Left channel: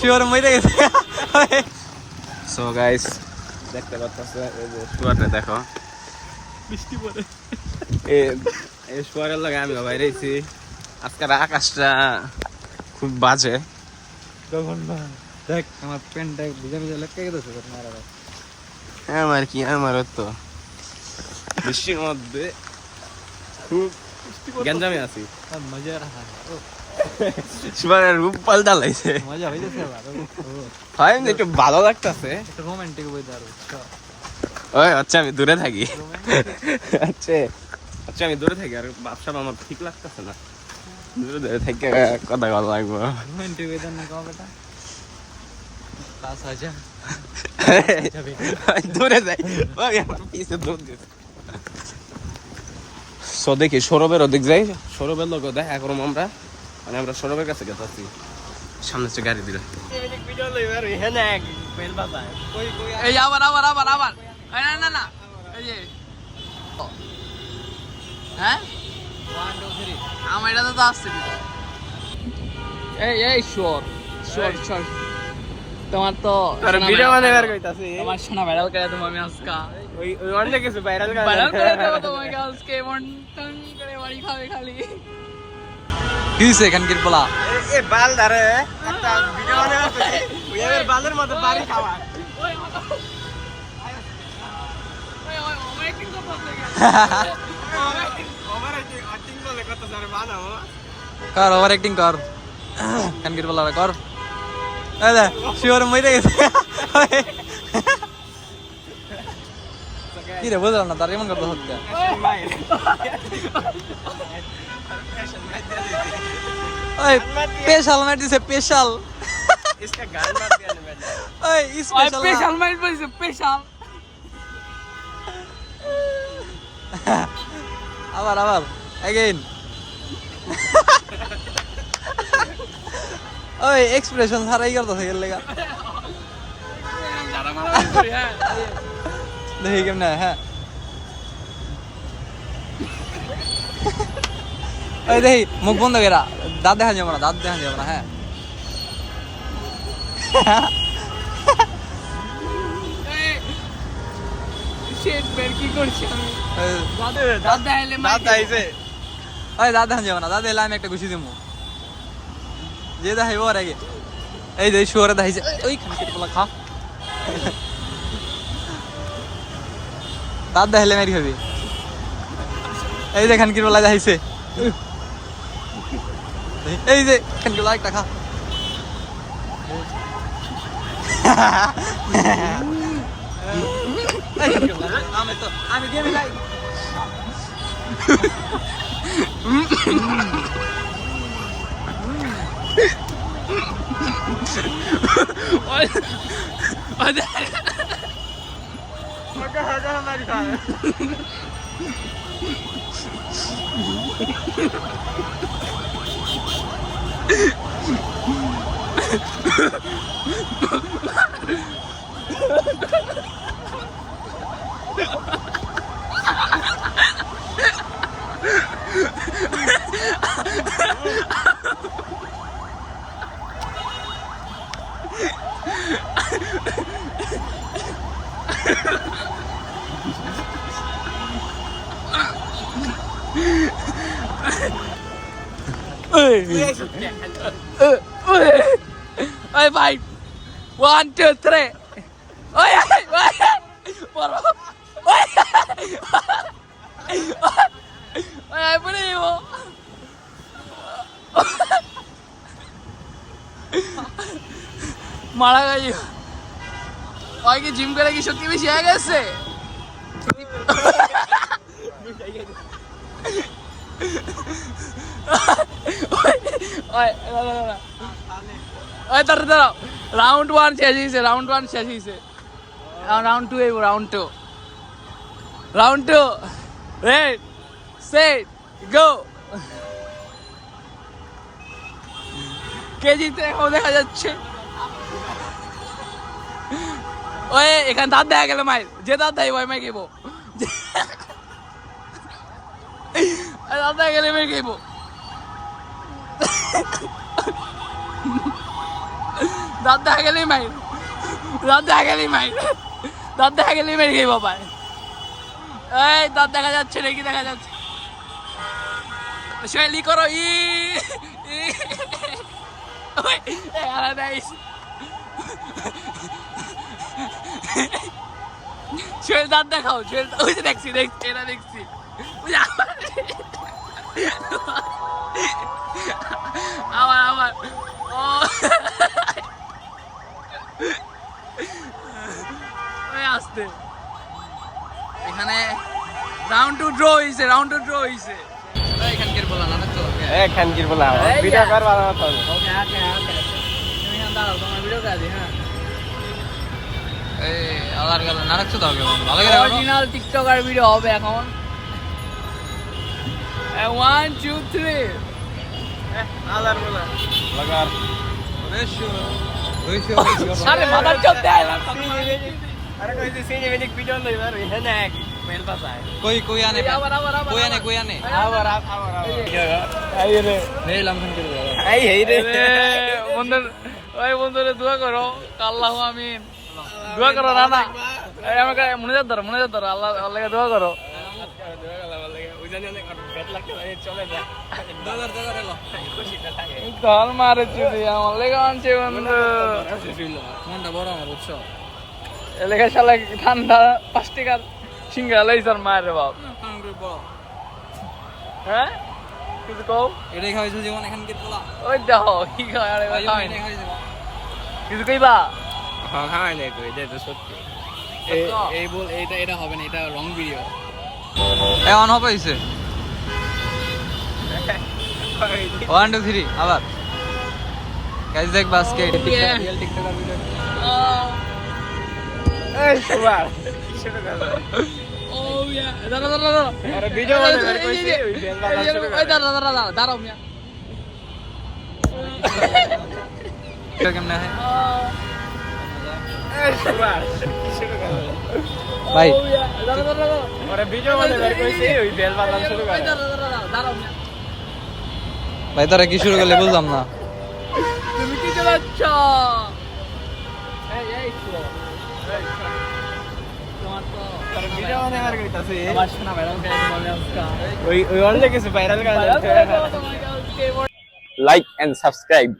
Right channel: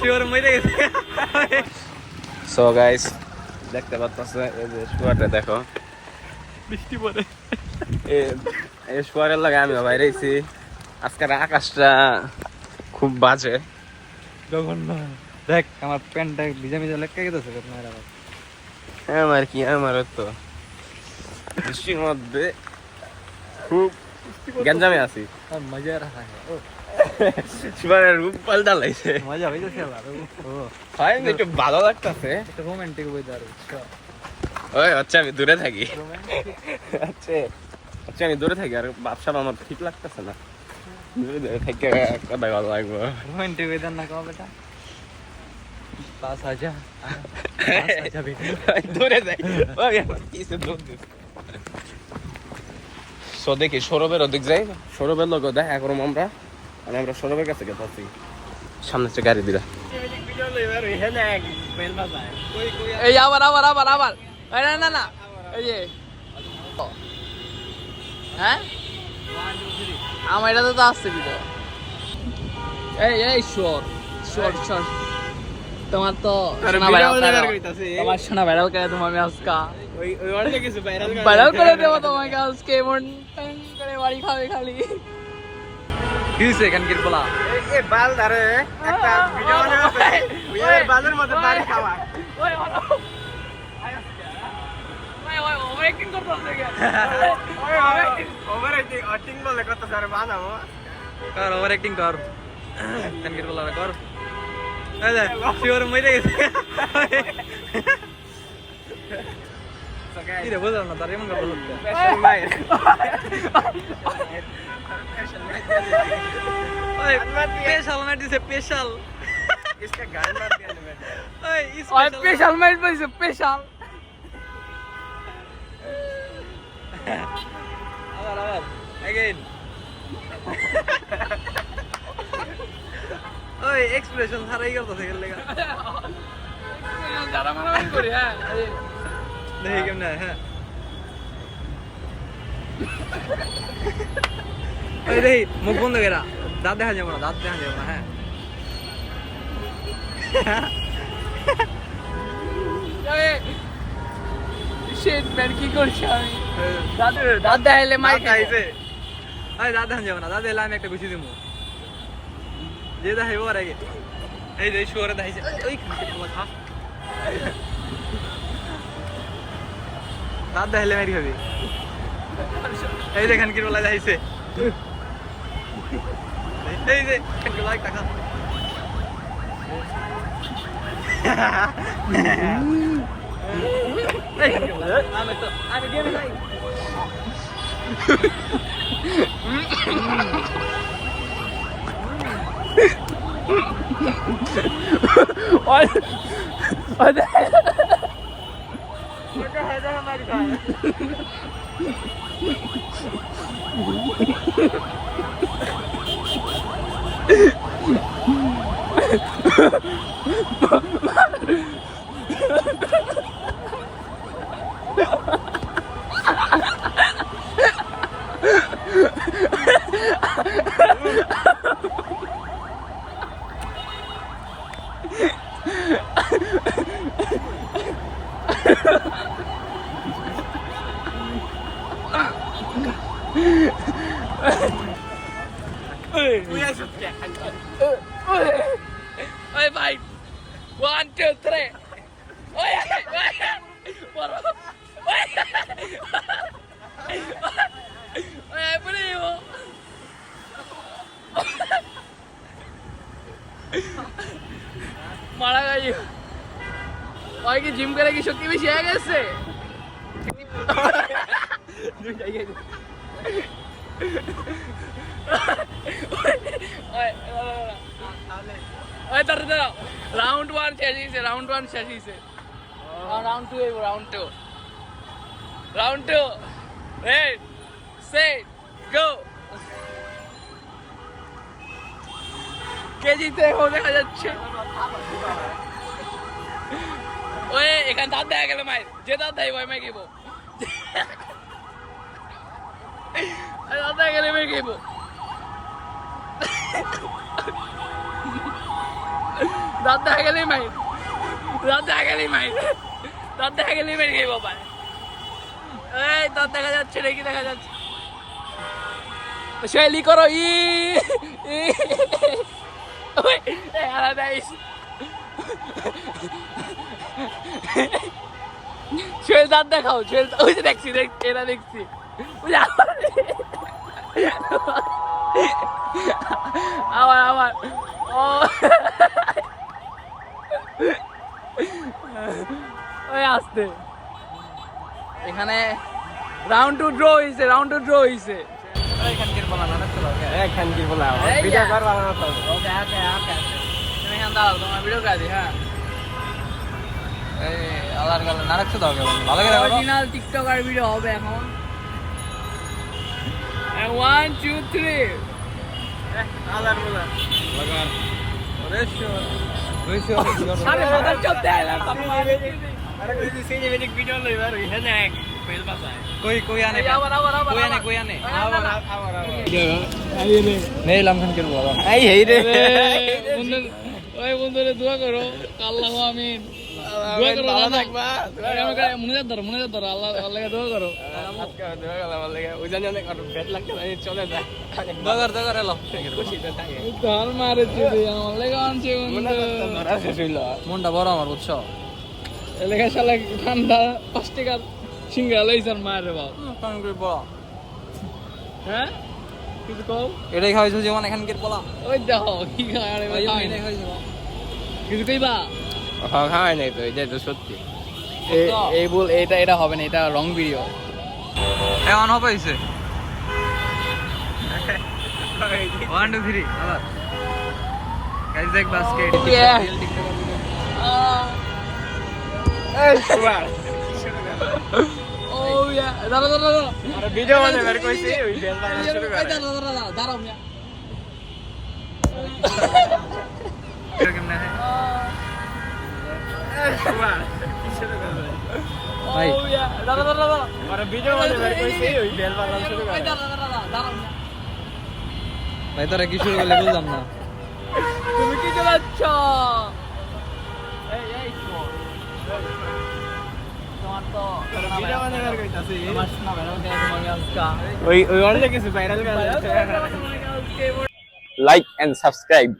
Sure মরে গেছে। So guys দেখতে পাচ্ছেন এই যে স্টুয়ার্টে দেখো বৃষ্টি পড়ে এই স্টুয়ার্টের লাগে আমি বাইরে আইছি। আজকের আকাশটা খুব বাজে। দেখ আমার প্যান্টটা ভিজা ভিজা লেগে গেছে। আমার কি আমার তো বৃষ্টির মধ্যে খুব গঞ্জামে আছি। আর মজা রাখা है ও সুপারের রূপ পাল্টা লাগছে। মজা হইছে আবার ও ভাই একটু ভালো লাগতেছে। একটা রোমান্টিক ওয়েদার বুঝছো। ওই আচ্ছা আমি দূরে থাকি। আচ্ছা আমি দূরে থাকি আর ব্যবসা আমার ঠিক লাগতেছে না। দূরে থেকে কথা ভালো লাগবো। রোমান্টিক ওয়েদার না কাও বেটা পাস आ जा দূরে যাই ওই আমার পিছে দৌড় দে। সো দেখি সৌরভের ওদিক যাই। সৌরভের লোক দেখা করবো আমরা মানে আমরা সৌরভের কাছে গেছি। সামনে হচ্ছে গাড়ি দিলা এই আবার আবার আবার আবার না না না এই যে হ্যাঁ আমার এটা তো আসছে ভিতরে। এই শোর শোর শোর তোমার তো তোমার শোনা ভাইরাল করে তোমার আমি আজকা ভাইরাল করে দেবো তোমাকে আজকে এমন টান করে বাড়ি খাবে খালি। কি হইছে এখানকার বলা এ বাল ধরে একটা ভিডিও বানাতে এর বালের মধ্যে বাড়ি খাওয়া ওই ওই অ্যাক্টিং করতে হবে ওভার অ্যাক্টিং বলে কত সারে বানাবো কর ওভার অ্যাক্টিং কর এখানকার বলা কর। আরে শিওর মরে গেছে। কি রে বুঝলাম না তার এমন করতে হচ্ছে। ওই স্পেশাল মাইট দিছে স্পেশাল इसका गान मत गाने बेटा। ওই স্পেশাল মাইট বলছে স্পেশাল। আবার আবার अगेन ওই এক্সপ্রেশন ছাড়াই করতেছে এর লাগা দেখি কেমনে হ্যাঁ ওই দেখি মুখ বন্ধ করা দাঁত দেখা যাবে না দাঁত দেখা যাবে না। হ্যাঁ কি করছি আমি দাঁত দেখাইলে মাইক খাইছে। ওই দাঁত দেখা যাবে না দাঁত এলে আমি একটা ঘুষি দিব যে দেখাইব আর আগে এই যে শুয়ারে দেখাইছে ওইখানে কেটে বলা খা দাঁত দেখাইলে মারি খাবি। এই যে খানকির বলা দেখাইছে এই যে খানকির বলা একটা খা। আমি game lie Hey, five. 1, 2, 3. Oh, yeah. Ay, put it on. মারা গেছে ওই কি জিম করে কি শক্তি বেশি হয়ে গেছে রাউন্ড 1 শেষ হয়েছে round 2 round 2 red set go কেজিতে এখন দেখা যাচ্ছে ওই এখানে দাঁত দেখা গেল মাই যে দাঁত দেয় ওই মাই খেবো দাঁত দেখা গেলে মাই খেবো দাঁত দেখা গেলেই মাইর, দাঁত দেখা গেলেই মাইর, দাঁত দেখা গেলেই মেরে গেই বাবা। এই দাঁত দেখা যাচ্ছে নাকি, দেখা যাচ্ছে শৈলী করো ই শৈল দাঁত দেখাও, শৈল ওই যে দেখছি দেখছি এরা দেখছি আবার আবার ও ওই আসতে এখানে রাউন্ড টু ড্র হইছে, রাউন্ড টু ড্র হইছে। এখানকার বলা না চলো খানকির বলা ভিডিও কর ভালো মতো ওকে ওকে ওকে তুমি দাও তোমার ভিডিও কাজ হ্যাঁ। এই আলার গাল না রাখছো দাও বন্ধু, ভালো করে করো। অরিজিনাল টিকটকার ভিডিও হবে এখন। 1 2 3 আলার বলা লাগার ওরে শোর 200 সামনে মাথা চোখ দেয় না তুমি। আরে কই দিছি যে ভিডিও ভিডিও লইবার এখানে এক মেল পাতায় कोई कोई आने कोई आने আবার এই রে नहीं लमसम के बोला এই রে বন্ধু, ওই বন্ধুরে দোয়া করো, আল্লাহু আমিন। দোয়া করো না না এই আমাকে মনিজাত ধরো আল্লাহ আল্লাহকে দোয়া করো। दगर लो কাল মারে চুরি আমার লেগে আনছে বন্ধু। मुंडा बड़ा আমার বুঝছো এলাকা শালা ঠান্ডা 5 টাকার সিঙ্গারা লাইছার মারে বাপ। কারণ কই বড় হ্যাঁ কিছু কও। এটাই খাইছো যেমন এখানকার বলা ওই দেখো কি খায় আরে ওই খাই এটাই খাইছো কিছু কইবা। খাওয়াই নাই তো এটা তো সত্যি। এই বল এটা এটা হবে না, এটা রং ভিডিও। এ অন হবে হইছে 1 2 3 আবার গাইস দেখ বাস্কেট ও ইয়া দাঁড়া দাঁড়া দাঁড়া আরে ভিডিও বানাই বের কইছি ওই বেল বানা শুরু করে। দাঁড়া দাঁড়া দাঁড়া দাঁড়াও মিয়া। কেমনে হয় ভাই আরে ভিডিও বানাই বের কইছি ওই বেল বানা শুরু করে। দাঁড়াও মিয়া। ভাই তারা কি শুরু করলে বুঝলাম না তুমি কি চালাচ্ছ? এই এই শো তোমার তো ভিডিও বানাই বের কইতাছি আমার শোনা ভাইরাল করে তোমাকে আজকা ওই ওই অনলে কিছু ভাইরাল করে ভাইরাল লাইক এন্ড সাবস্ক্রাইব